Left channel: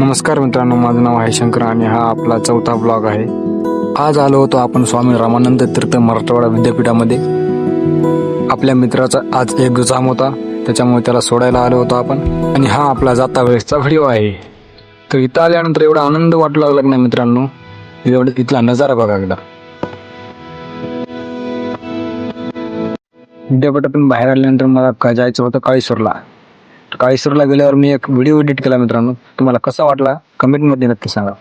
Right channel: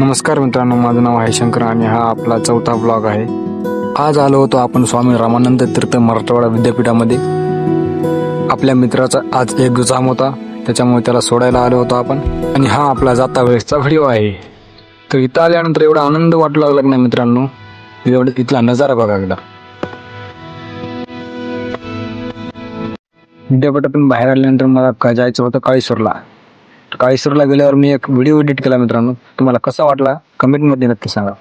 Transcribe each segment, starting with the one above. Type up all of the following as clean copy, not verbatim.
नमस्कार मित्रांनो, माझं नाव आहे शंकर आणि हा आपला चौथा ब्लॉग आहे. आज आलो होतो आपण स्वामी रामानंद तीर्थ मराठवाडा विद्यापीठामध्ये. आपल्या मित्राचा आज एक्झाम होता, त्याच्यामुळे त्याला सोडायला आलो होतो आपण. आणि हा आपला जाता वेळेसचा व्हिडिओ आहे. तर इथं आल्यानंतर एवढा आनंद वाटू लागला ना मित्रांनो, एवढं इथला नजारा बघा एकदा. विद्यापीठातून बाहेर आल्यानंतर मला जायचं होतं काळेश्वरला. काळेश्वरला गेल्यावर मी एक व्हिडिओ एडिट केला मित्रांनो. तुम्हाला कसा वाटला कमेंटमध्ये नक्की सांगा.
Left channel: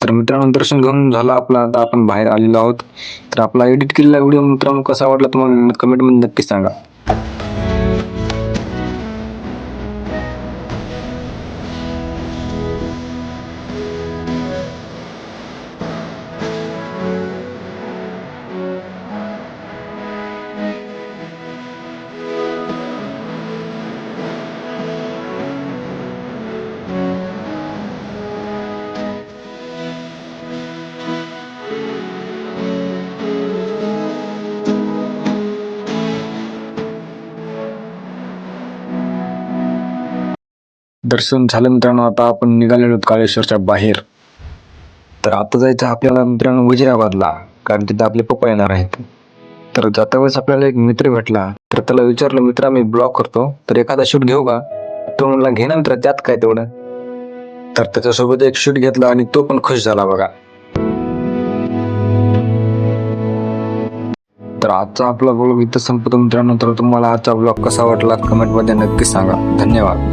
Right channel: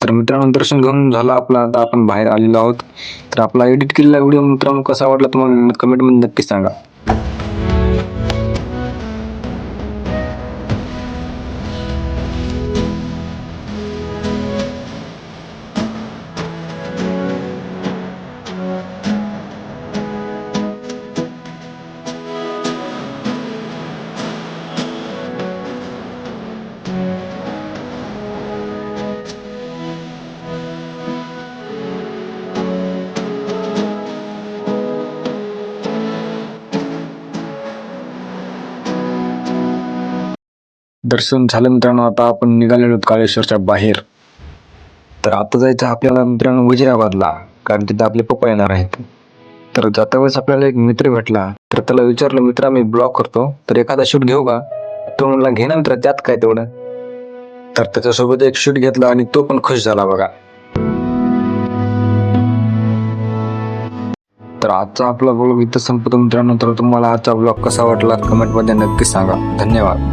तर मित्रांनो, दर्शन घेऊन झालं आपला. आता आपण बाहेर आलेलो आहोत. तर आपला एडिट केलेला व्हिडिओ मित्रांनो कसा वाटला तुम्हाला कमेंटमध्ये नक्की सांगा. दर्शन झालं मित्रांनो. आता आपण निघालेलो आहोत काळेश्वरच्या बाहेर. तर आता जायचं आपल्याला मित्रांनो वजिराबादला, कारण तिथे आपले पप्पा येणार आहेत. तर जाता वेळेस आपल्याला एक मित्र भेटला. तर त्याला विचारलं, मित्रा मी ब्लॉग करतो, तर एखादा शूट घेऊ का? तो म्हणला घे ना मित्र, त्यात काय तेवढं. तर त्याच्यासोबत एक शूट घेतला आणि तो पण खुश झाला बघा. तर आजचा आपला ब्लॉग इथं संपतो मित्रांनो. तर तुम्हाला आजचा ब्लॉग कसा वाटला कमेंटमध्ये नक्की सांगा. धन्यवाद.